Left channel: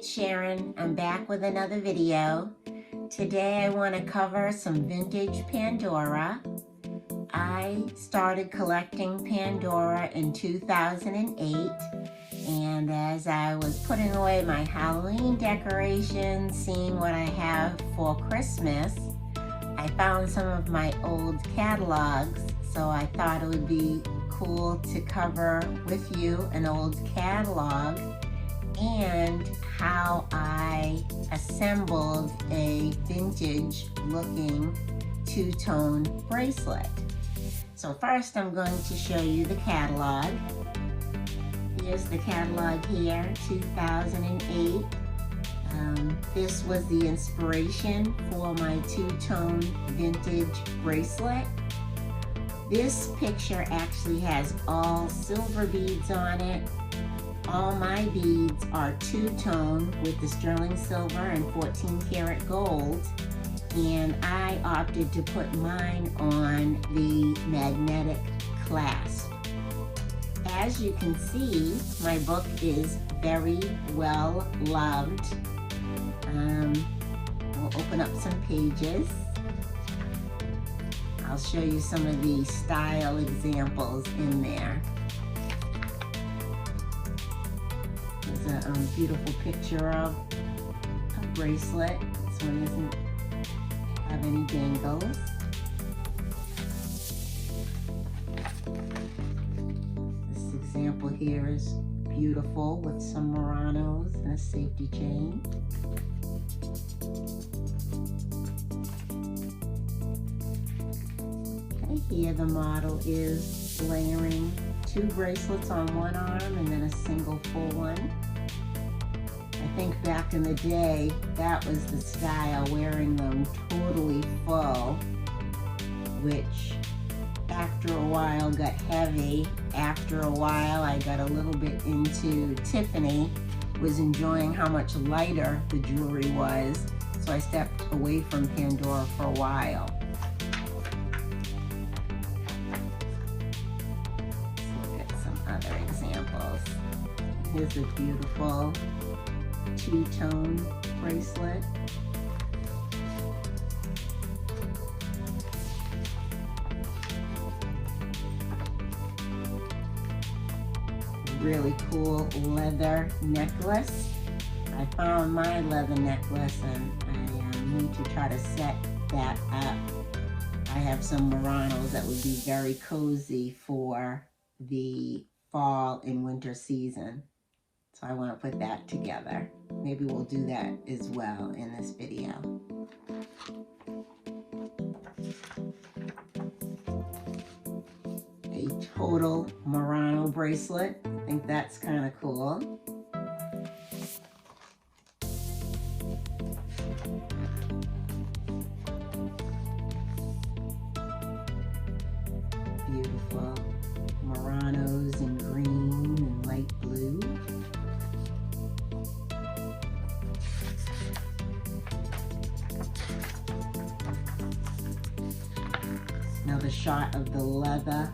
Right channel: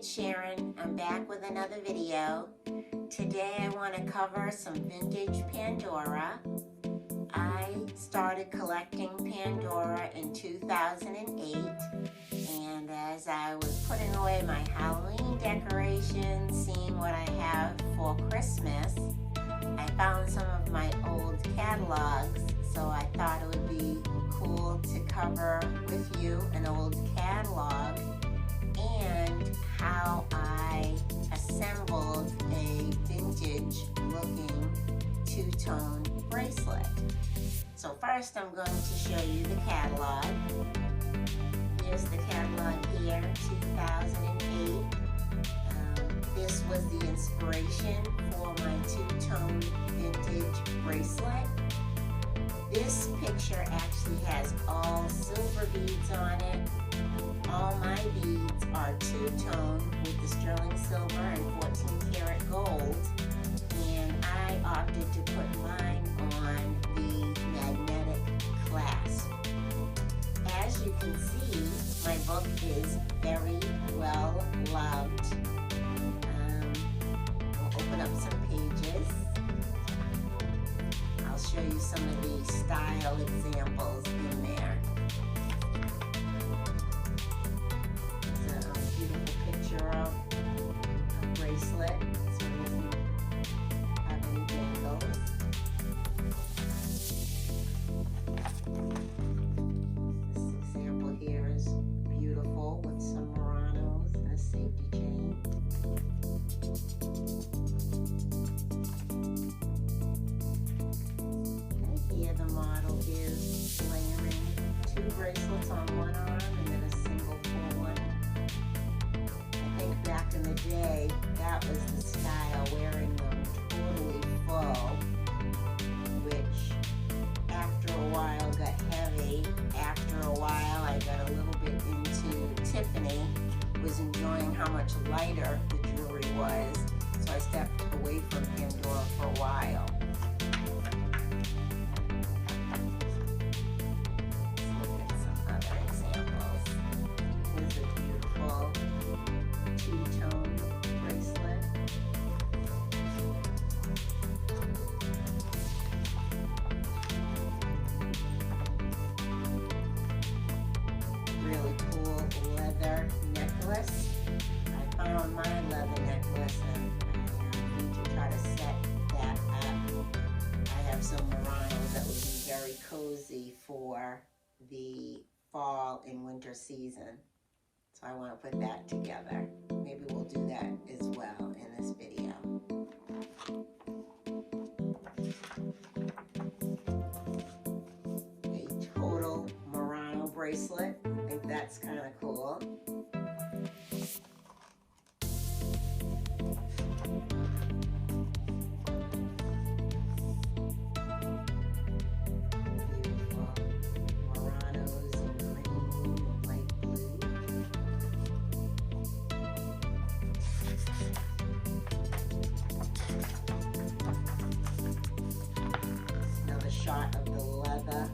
it's Sharon. I'm back with another video. Today I want to cover some vintage Pandora. I started collecting Pandora in 2008, and as I was putting away my Halloween decorations, seeing what I have for Christmas, I found some of my old catalogs, so I thought it would be cool to cover with you an old catalog and how I assembled a vintage looking two-tone bracelet. So first I'm going to show you the catalog. Here's the catalog here, 2008. This was the inspiration for my two-tone vintage bracelet. This picture actually has all silver beads on it. All my beads are two-tone with the sterling silver and 14 karat gold, and I opted to put mine on the magnetic clasp. As you can see, my book is very well loved. We'll open up some pages. I'll show you some of the style examples in there. There's a beautiful picture of a bracelet. This one doesn't have any dangles. This example here is beautiful with some Muranos and a safety chain. Here the model is layering two bracelets on one arm and then a single full one. I think back in the day that was the style, wearing them totally full, which after a while got heavy. After a while I got a little bit into Tiffany, was enjoying how much lighter the jewelry was, so I stepped away from Pandora for a while. Here's a beautiful two-tone bracelet. Really cool leather necklace. I found my leather necklace and I need to try to set that up. I have some Muranos that would be very cozy for the fall and winter season. So I want to put that together. Maybe we'll do that as well in this video. A total Murano bracelet. I think that's kind of cool. Beautiful Muranos in green and light blue. Another shot of the leather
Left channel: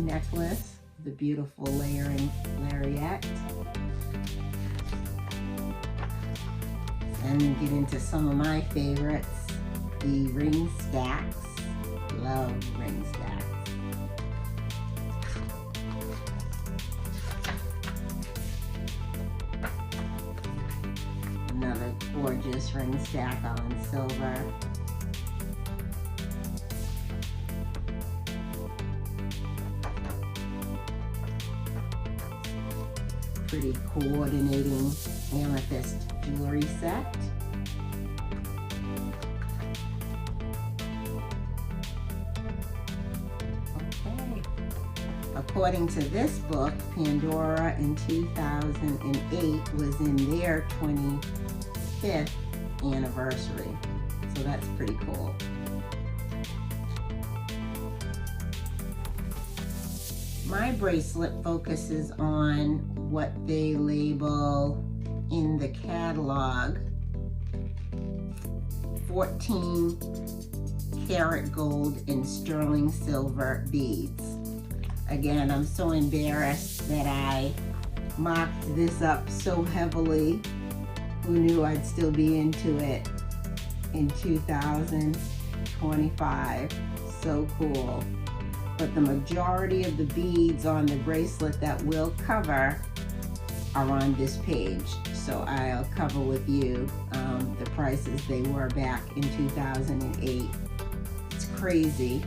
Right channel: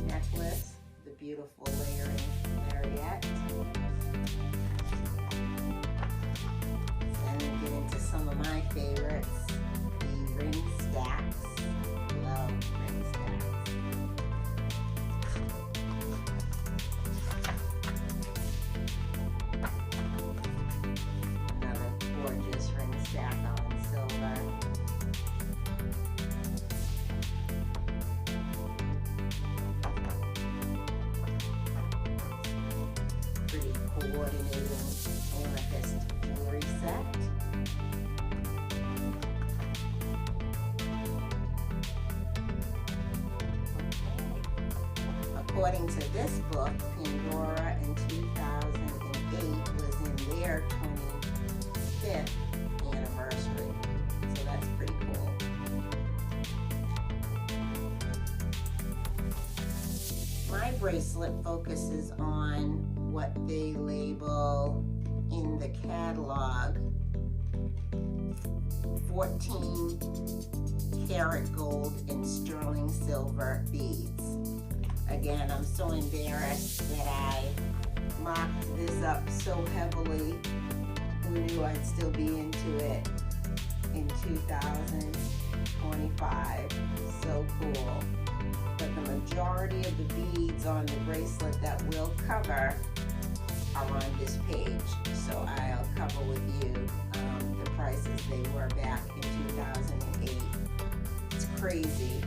necklace, the beautiful layering lariat. And get into some of my favorites, the ring stacks. Love ring stacks. Another gorgeous ring stack all in silver. Pretty coordinating amethyst jewelry set. Okay. According to this book, Pandora in 2008 was in their 25th anniversary. So that's pretty cool. My bracelet focuses on what they label in the catalog 14 karat gold and sterling silver beads. Again, I'm so embarrassed that I mocked this up so heavily Who knew I'd still be into it in 2025? So cool. But the majority of the beads on the bracelet that we'll cover are on this page. So I'll cover with you the prices they were back in 2008. It's crazy.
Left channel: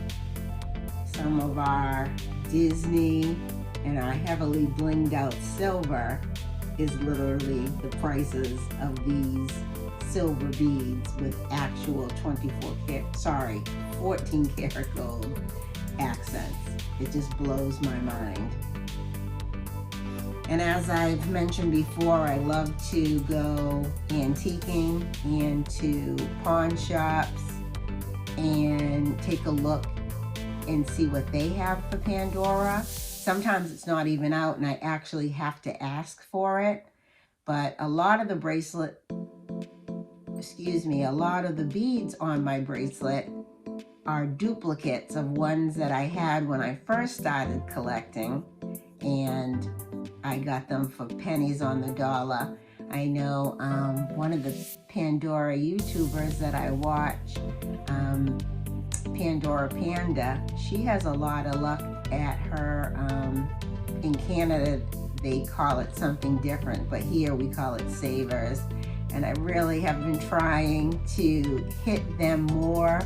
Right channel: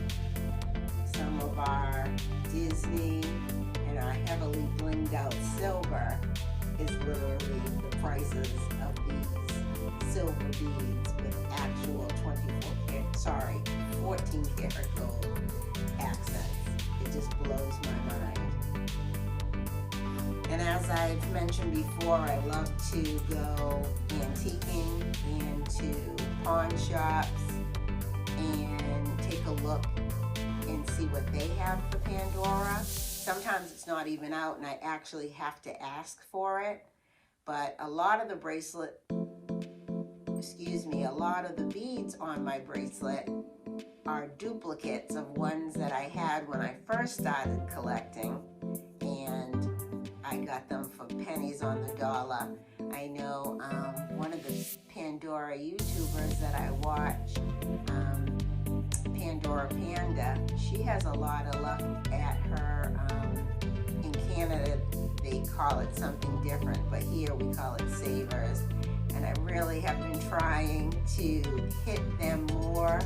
Some of our Disney and our heavily blinged out silver is literally the prices of these silver beads with actual 14 karat gold accents. It just blows my mind. And as I've mentioned before, I love to go antiquing and to pawn shops and take a look and see what they have for Pandora. Sometimes it's not even out and I actually have to ask for it. But a lot of the a lot of the beads on my bracelet are duplicates of ones that I had when I first started collecting, and I got them for pennies on the dollar. I know one of the Pandora YouTubers that I watch, Pandora Panda, she has a lot of luck at her, in Canada they call it something different, but here we call it savers. And I really have been trying to hit them more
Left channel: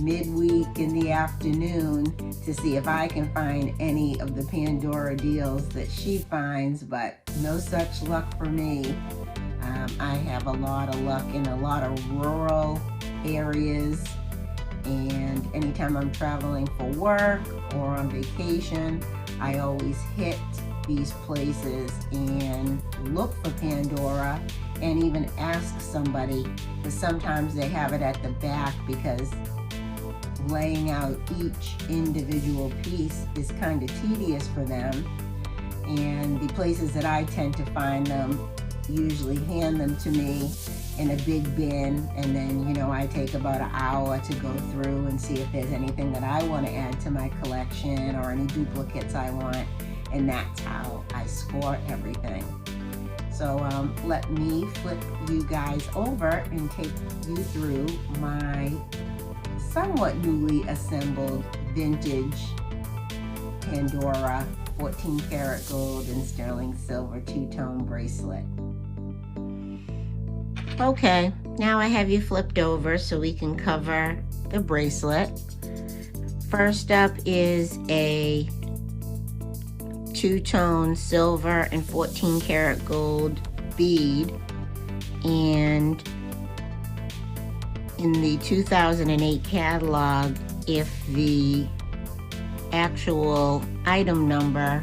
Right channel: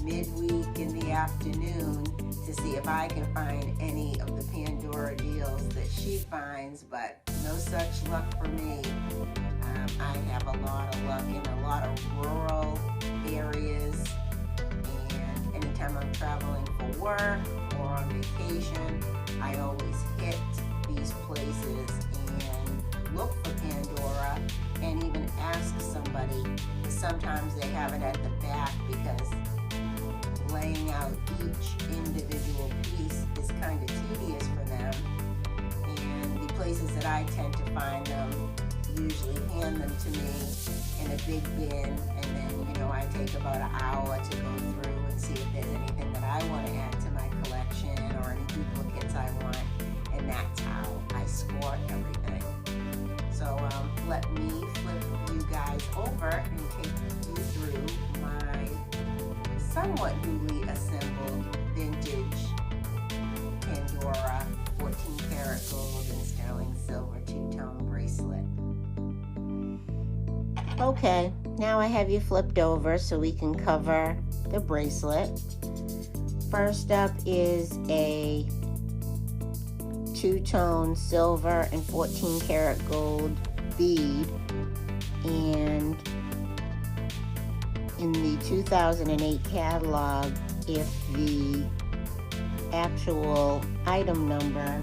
midweek in the afternoon to see if I can find any of the Pandora deals that she finds, but no such luck for me. I have a lot of luck in a lot of rural areas, and anytime I'm traveling for work or on vacation, I always hit these places and look for Pandora and even ask somebody, because sometimes they have it at the back, because laying out each individual piece is kind of tedious for them. And the places that I tend to find them usually hand them to me in a big bin, and then, you know, I take about an hour to go through and see if there's anything that I want to add to my collection or any duplicates I want, and that's how I score everything. So let me flip you guys over and take you through my somewhat newly assembled vintage Pandora 14 karat gold and sterling silver two-tone bracelet. Okay, now I have you flipped over so we can cover the bracelet. First up is a two-tone silver and 14 karat gold bead, and in the 2008 catalog, if the actual item number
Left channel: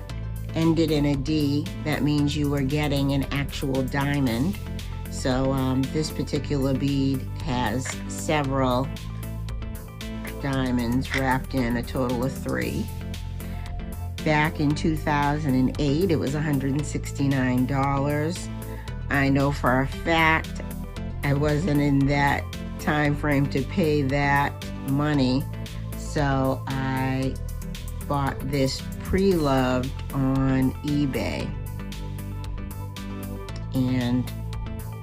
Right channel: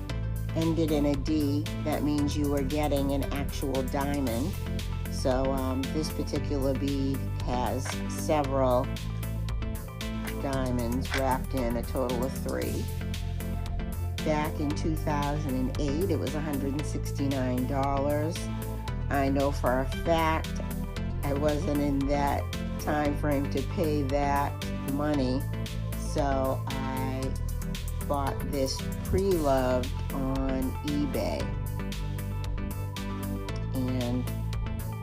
ended in a D, that means you were getting an actual diamond. So this particular bead has several diamonds wrapped in, a total of 3. Back in 2008, it was $169. I know for a fact I wasn't in that time frame to pay that money, so I bought this pre-loved on eBay. And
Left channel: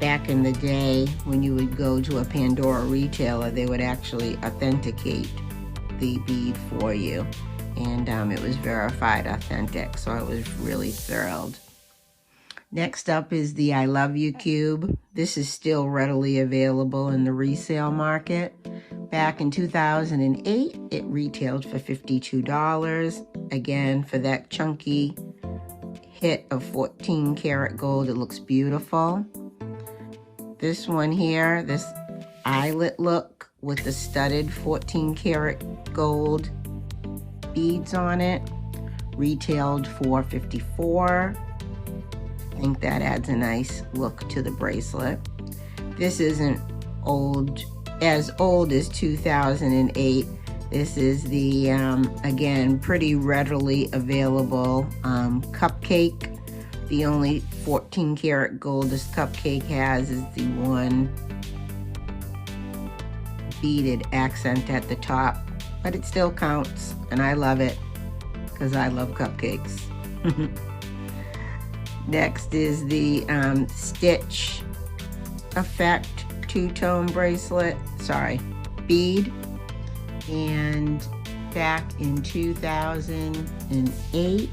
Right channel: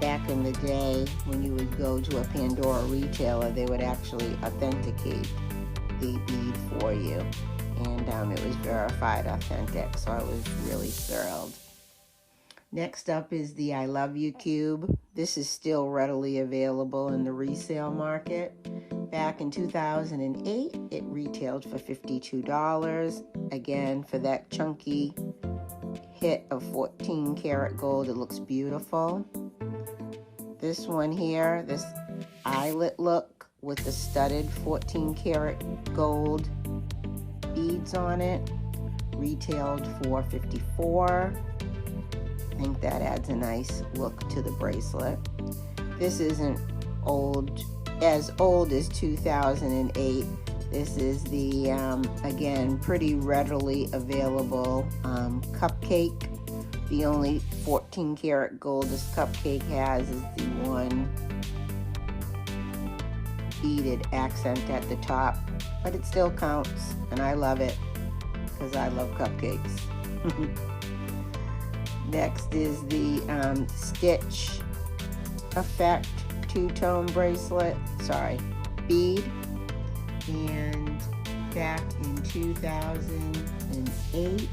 back in the day, when you would go to a Pandora retailer, they would actually authenticate the bead for you. And it was verified authentic, so I was really thrilled. Next up is the I Love You Cube. This is still readily available in the resale market. Back in 2008, it retailed for $52. Again, for that chunky hit of 14 karat gold, it looks beautiful. This one here, this eyelet look with the studded 14 karat gold beads on it, retailed for $54. I think that adds a nice look to the bracelet. This isn't as old as 2008. This is the, again, pretty readily available cupcake. The only 14 karat gold this cupcake has is the one beaded accent at the top, but it still counts, and I love it because I love cupcakes. Next is the Stitch effect two-tone bracelet, bead, and back in 2008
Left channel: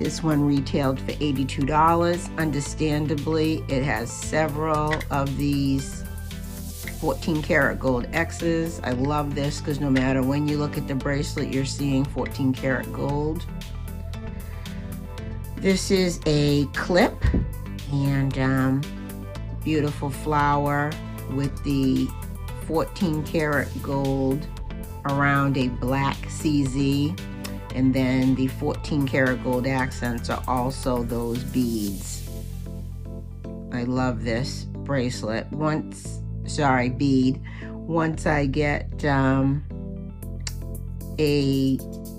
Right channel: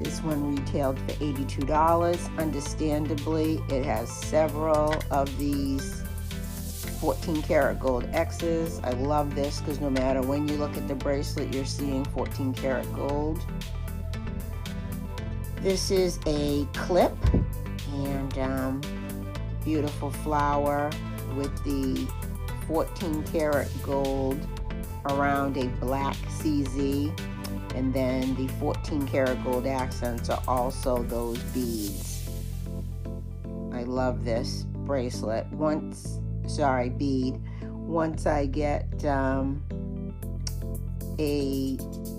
this one retailed for $82. Understandably, it has several of these 14 karat gold X's. I love this because no matter when you look at the bracelet, you're seeing 14 karat gold. This is a clip, and beautiful flower with the 14 karat gold around a black CZ, and then the 14 karat gold accents are also those beads. I love this bracelet. Bead. Once I get a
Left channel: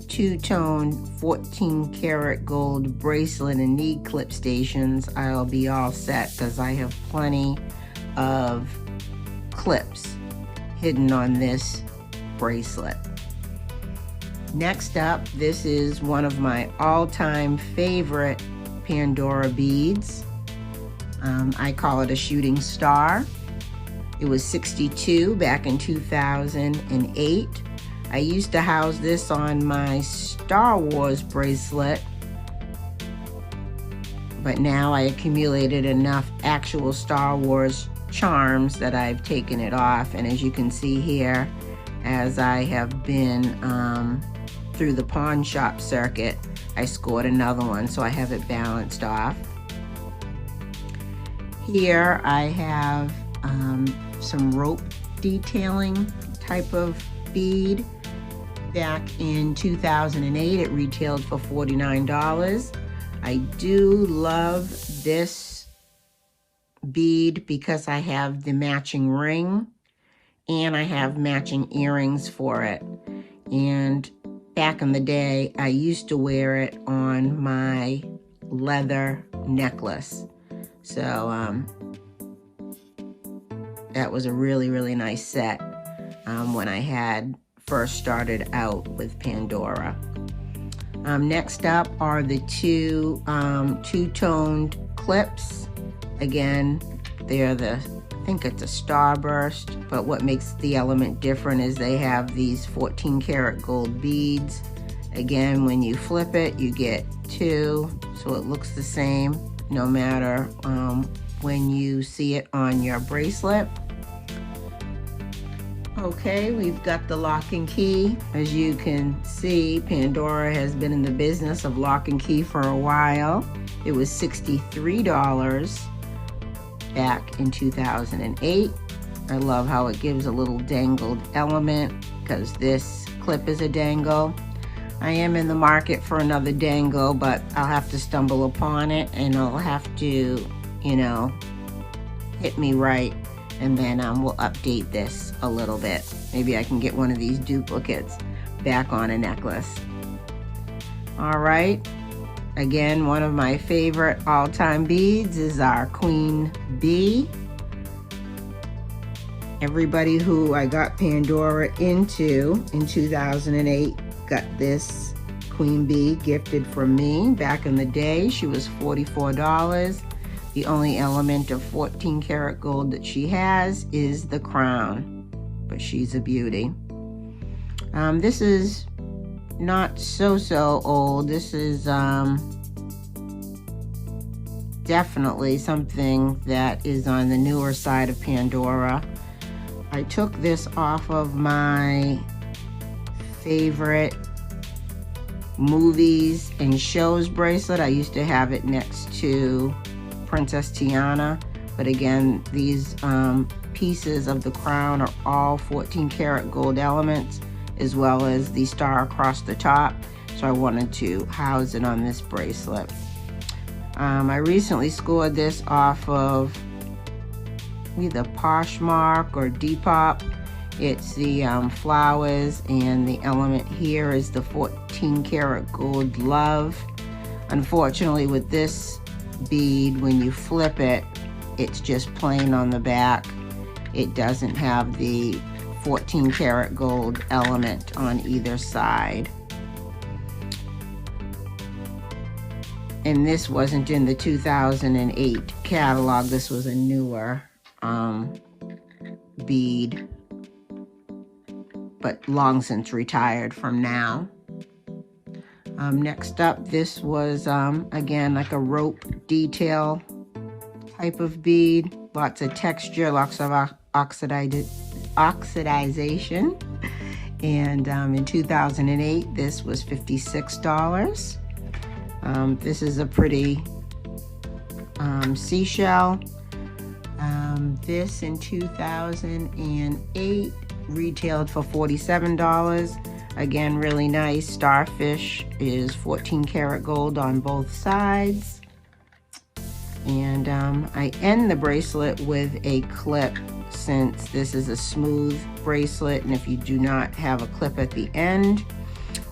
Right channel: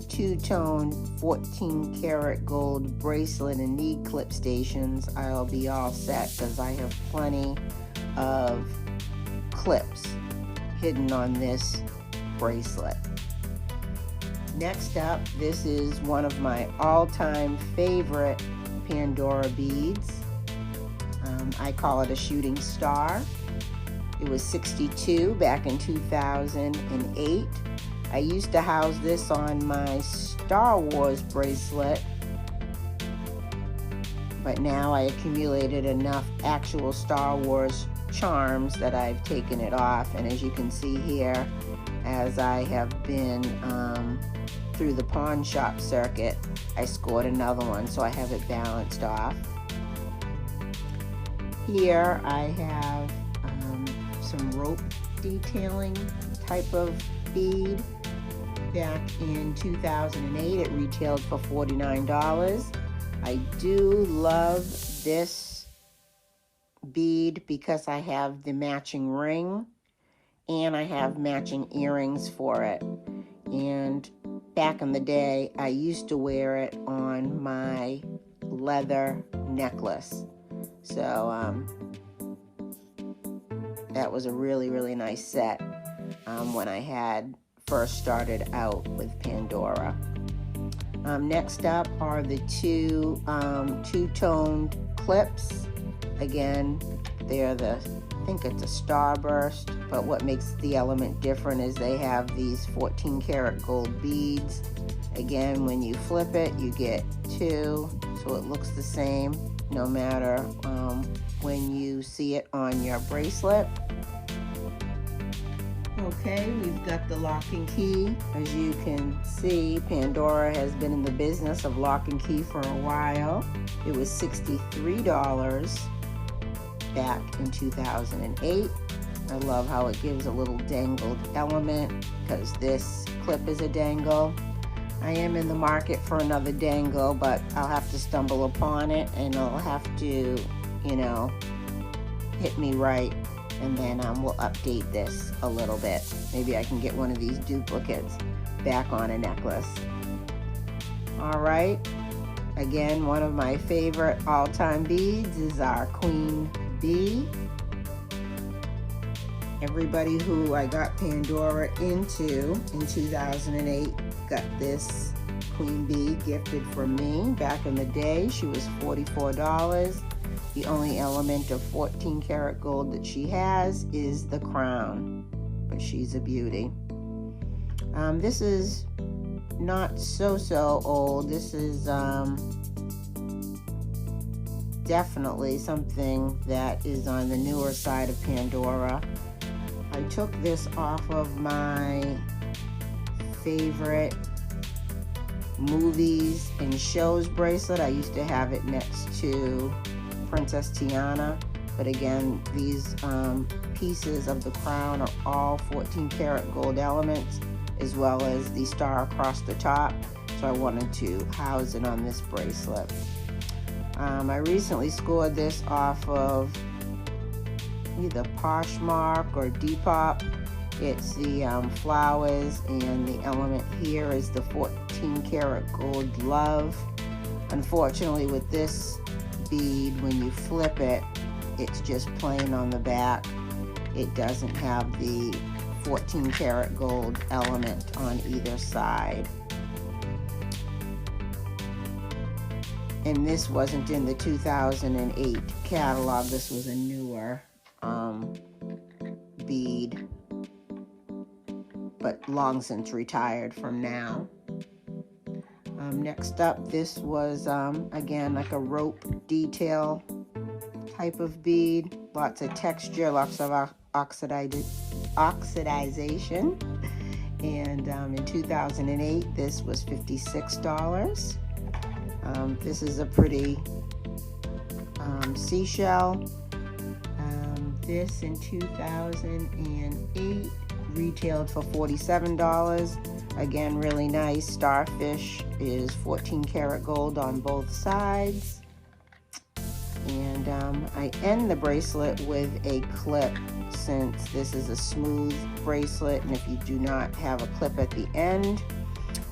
two-tone 14 karat gold bracelet and need clip stations, I'll be all set because I have plenty of clips hidden on this bracelet. Next up, this is one of my all-time favorite Pandora beads. I call it a shooting star. It was $62 back in 2008. I used to house this on my Star Wars bracelet, but now I accumulated enough actual Star Wars charms that I've taken it off. And as you can see here, as I have been through the pawn shop circuit, I scored another one, so I have it balanced off. Here I have some rope detailing type of bead. Back in 2008, it retailed for $49. I do love this bead because I have the matching ring and I have matching earrings for it. And back in the day, I used to wear it on my leather necklace. So that was a really, really nice set when I had first started out with Pandora. Next up are the two-toned clips. Again, they're I think it's a starburst, but what makes the element different is they have these 14 karat gold beads. Again, when you flip it, you get two, so it looks the same no matter when you see it on your bracelet. Okay, we've got the lock and key. As you can see, Pandora has been in the business of lock and key for a while. It was $63 back in 2008. I love how it gives a little dangled element because this clip is a dangle. I am in the market for another dangle, but I'll have to stumble upon it and I'll have to, hit me right. And then we'll update this a little bit. Maybe I can get one of these duplicates back on a necklace. All right, again, one of my favorite all-time beads is our Queen Bee. Everybody who I got Pandora into in 2008 got this Queen Bee gifted from me. Back in the day, she was $44. The only element of 14 karat gold that she has is the crown, but she's a beauty. This is not so old. This is definitely something that is on the newer side of Pandora. I took this off of my favorite movies and shows bracelet. I used to have it next to Princess Tiana, but again, these pieces of the crown are all 14 karat gold elements, as well as the star across the top, so I wanted to house it on this bracelet. I recently scored this off of either Poshmark or Depop. It's the flowers, and the element here is the 14 karat gold love. Unfortunately, with this bead, when you flip it, it's just plain on the back. It doesn't have the 14 karat gold element on either side. And this wasn't in the 2008 catalog. This was a newer bead, but long since retired from now. Next up, this was again like a rope detail type of bead, lots of texture, lots of oxidization. And in 2008, this was $56. This is a pretty seashell. This in 2008 retailed for $47. Again, really nice. Starfish is 14 karat gold on both sides. And I end the bracelet with a clip, since this is a smooth bracelet, and if you do not have a clip at the end,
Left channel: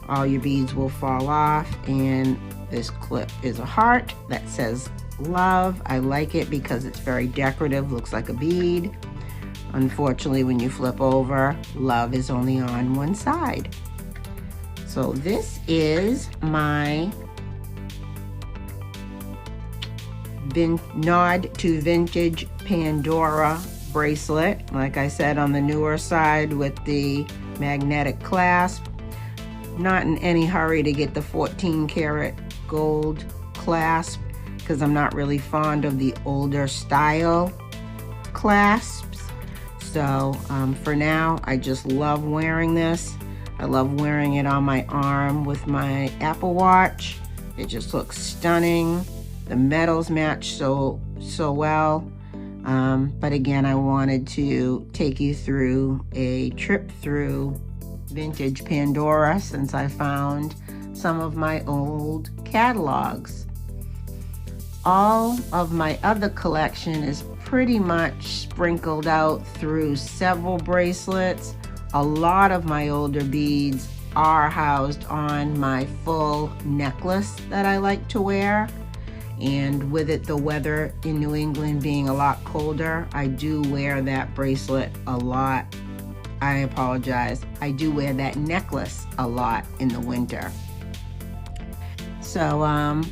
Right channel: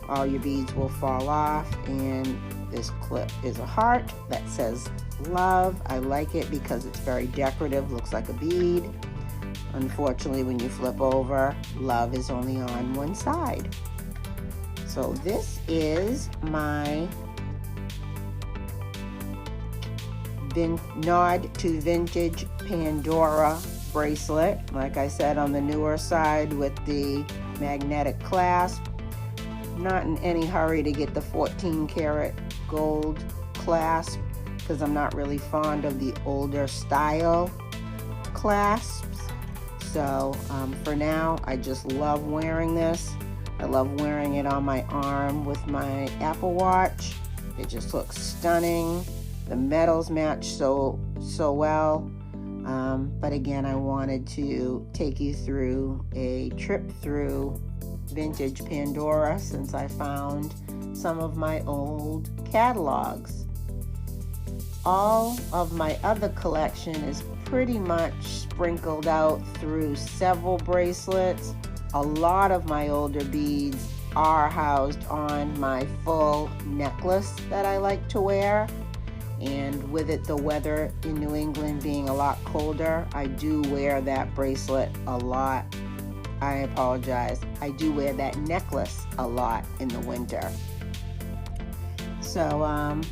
all your beads will fall off. And this clip is a heart that says love. I like it because it's very decorative, looks like a bead. Unfortunately, when you flip over, love is only on one side. So this is my nod to vintage Pandora bracelet. Like I said, on the newer side with the magnetic clasp. Not in any hurry to get the 14 karat gold clasp, because I'm not really fond of the older style clasps. So for now, I just love wearing this. I love wearing it on my arm with my Apple Watch. It just looks stunning. The metals match so well. But again, I wanted to take you through a trip through vintage Pandora, since I found some of my old catalogs. All of my other collection is pretty much sprinkled out through several bracelets. A lot of my older beads are housed on my full necklace that I like to wear. And with it, the weather in New England being a lot colder, I do wear that bracelet a lot. I apologize. I do wear that necklace a lot in the winter. So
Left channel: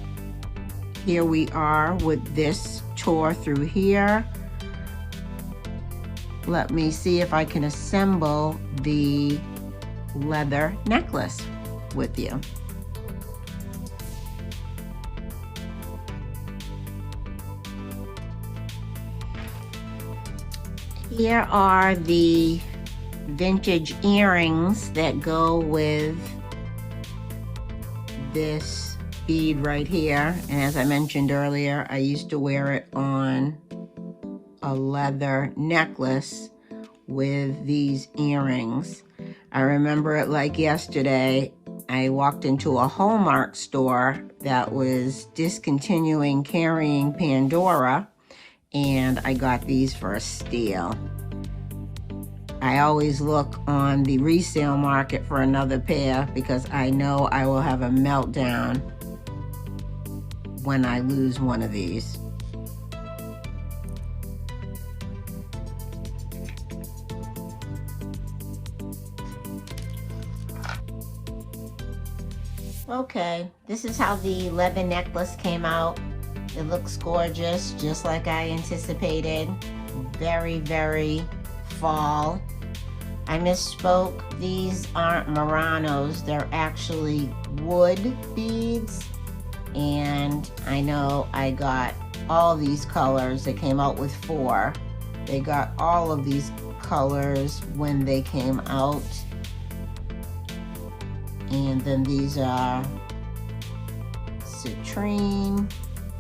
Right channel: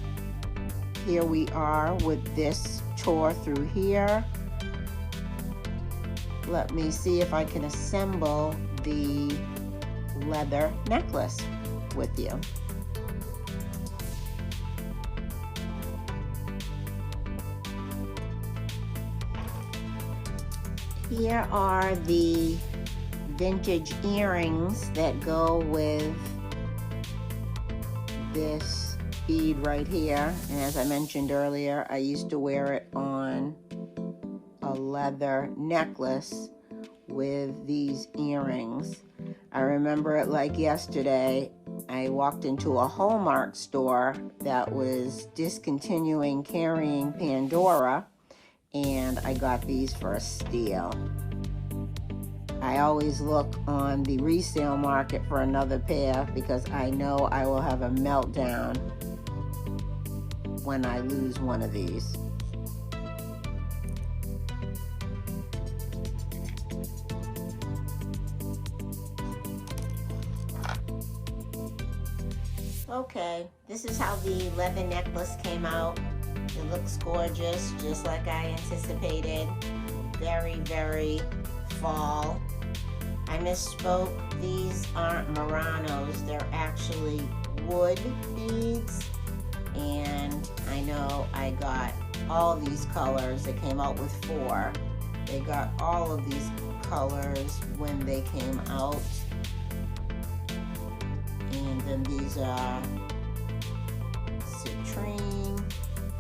here we are with this tour through here. Let me see if I can assemble the leather necklace with you. Here are the vintage earrings that go with this bead right here. And as I mentioned earlier, I used to wear it on a leather necklace with these earrings. I remember it like yesterday. I walked into a Hallmark store that was discontinuing carrying Pandora, and I got these for a steal. I always look on the resale market for another pair because I know I will have a meltdown when I lose one of these. Okay, this is how the leather necklace came out. It looks gorgeous, just like I anticipated. Very, very fall. I misspoke. These aren't Muranos. They're actually wood beads. And I know I got all these colors. They came out with 4. They got all of these colors when they came out. And then these are citrine.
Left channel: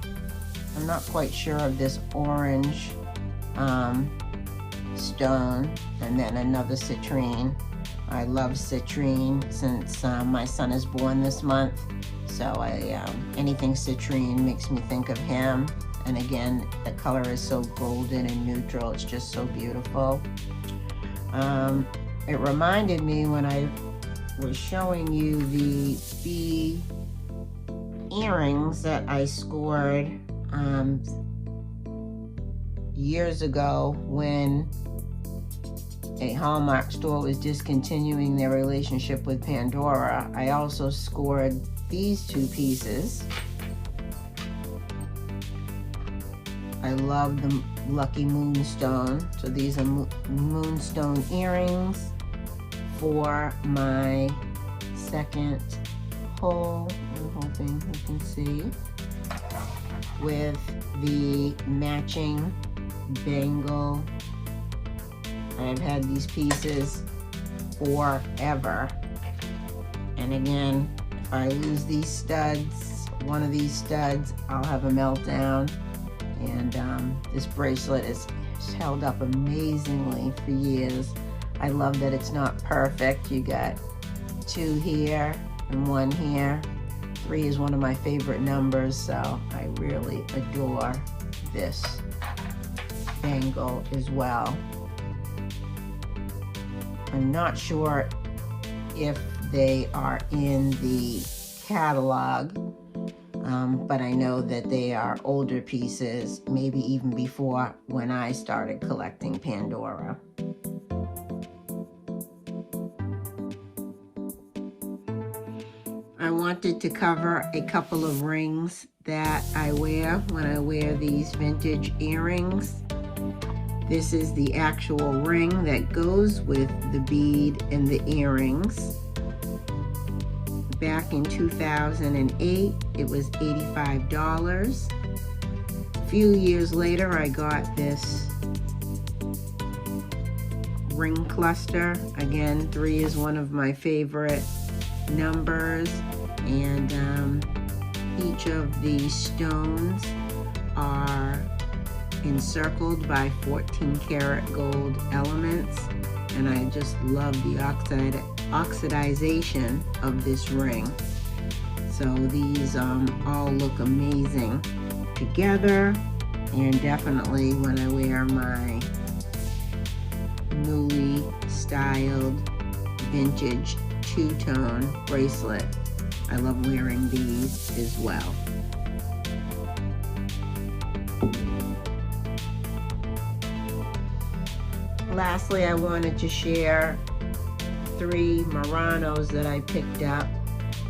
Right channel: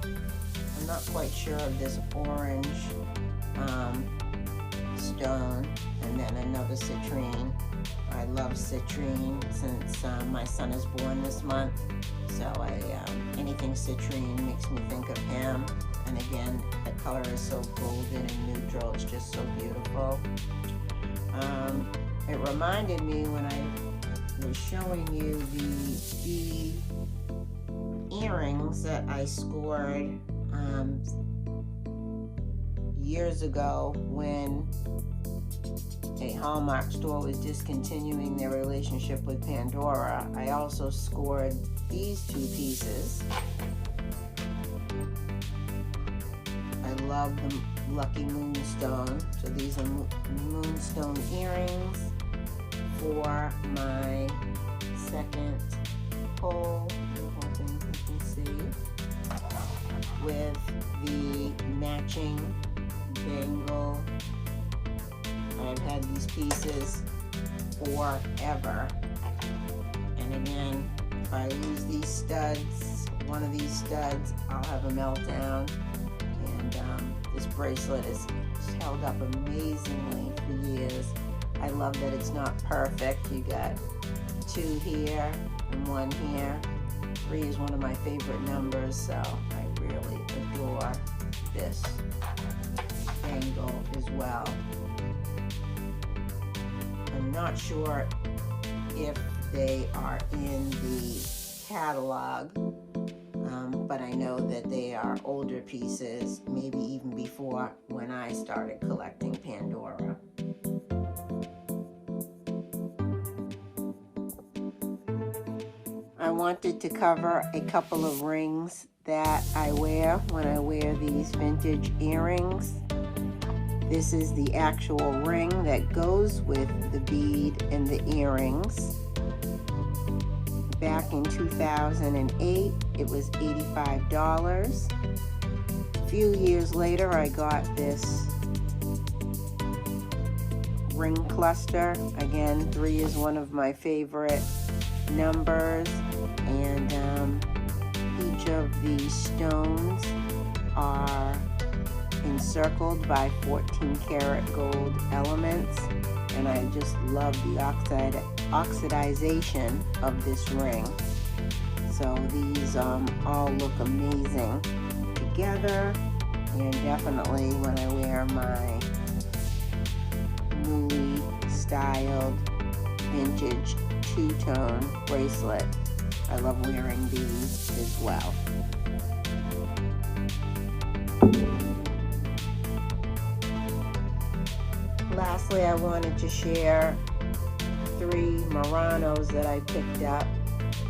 I'm not quite sure of this orange stone, and then another citrine. I love citrine since my son is born this month, so anything citrine makes me think of him. And again, the color is so golden and neutral. It's just so beautiful. It reminded me when I was showing you the earrings that I scored years ago when a Hallmark store was discontinuing their relationship with Pandora. I also scored these 2 pieces. I I love the Lucky Moonstone. So these are moonstone earrings for my second hole. I'm hoping you can see, with the matching bangle. I've had these pieces forever. And again, if I lose these studs, one of these studs, I'll have a meltdown. And this bracelet is held up amazingly for years. I love that it's not perfect. You got 2 here and 1 here. 3 is one of my favorite numbers, so I really adore this bangle as well. I'm not sure if they are in the catalog, but I know that they are older pieces, maybe even before when I started collecting Pandora. I wanted to cover a couple of rings that I wear when I wear these vintage earrings. This is the actual ring that goes with the bead and the earrings. Back in 2008, it was $85. A few years later, I got this ring cluster. Again, 3 is one of my favorite numbers, and each of these stones are encircled by 14 karat gold elements, and I just love the oxidization of this ring. So these all look amazing together, and definitely when I wear my Louis styled vintage two-tone bracelet, I love wearing these as well. Lastly, I wanted to share 3 Muranos that I picked up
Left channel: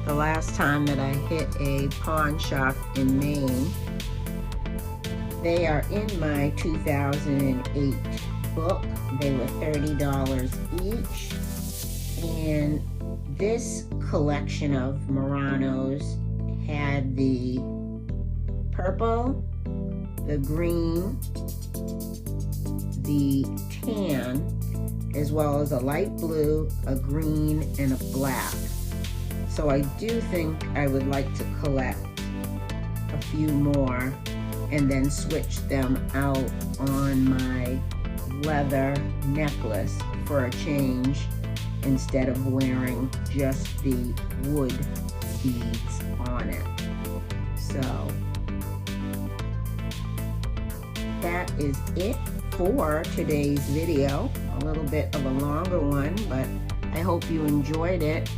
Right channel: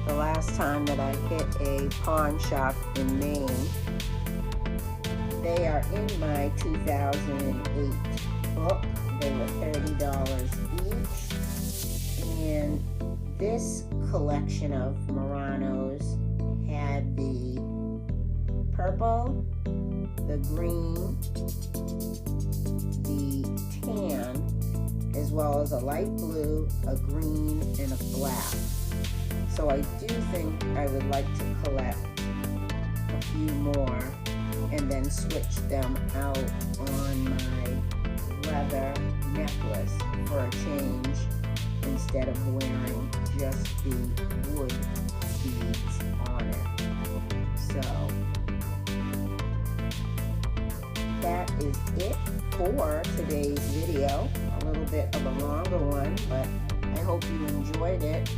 the last time that I hit a pawn shop in Maine. They are in my 2008 book. They were $30 each. And this collection of Muranos had the purple, the green, the tan, as well as a light blue, a green, and a black. So I do think I would like to collect a few more and then switch them out on my leather necklace for a change, instead of wearing just the wood beads on it. So that is it for today's video. A little bit of a longer one, but I hope you enjoyed it.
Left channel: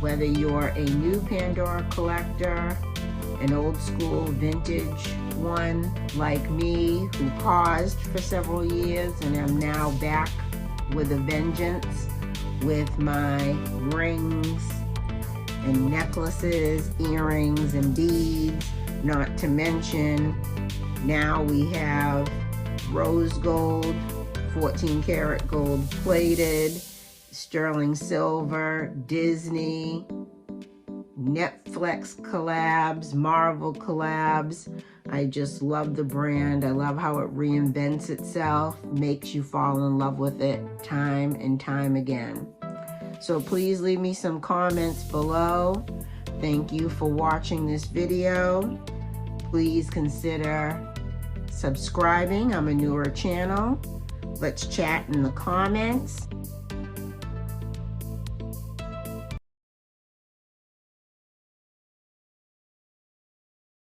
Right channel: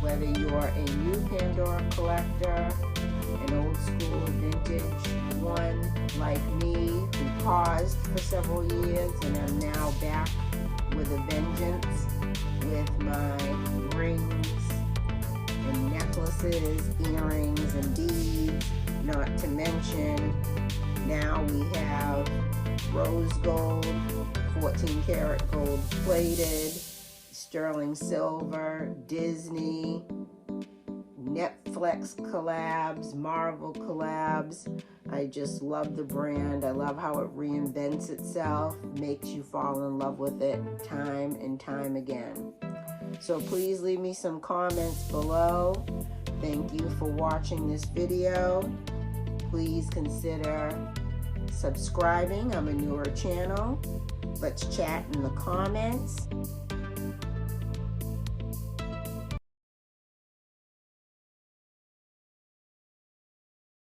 Whether you're a new Pandora collector, an old school vintage one like me who paused for several years and am now back with a vengeance with my rings and necklaces, earrings and beads, not to mention now we have rose gold, 14 karat gold plated, sterling silver, Disney, Netflix collabs, Marvel collabs. I just love the brand. I love how it reinvents itself, makes you fall in love with it time and time again. So please leave me some comments below. Thank you for watching this video. Please consider subscribing. I'm a newer channel. Let's chat in the comments.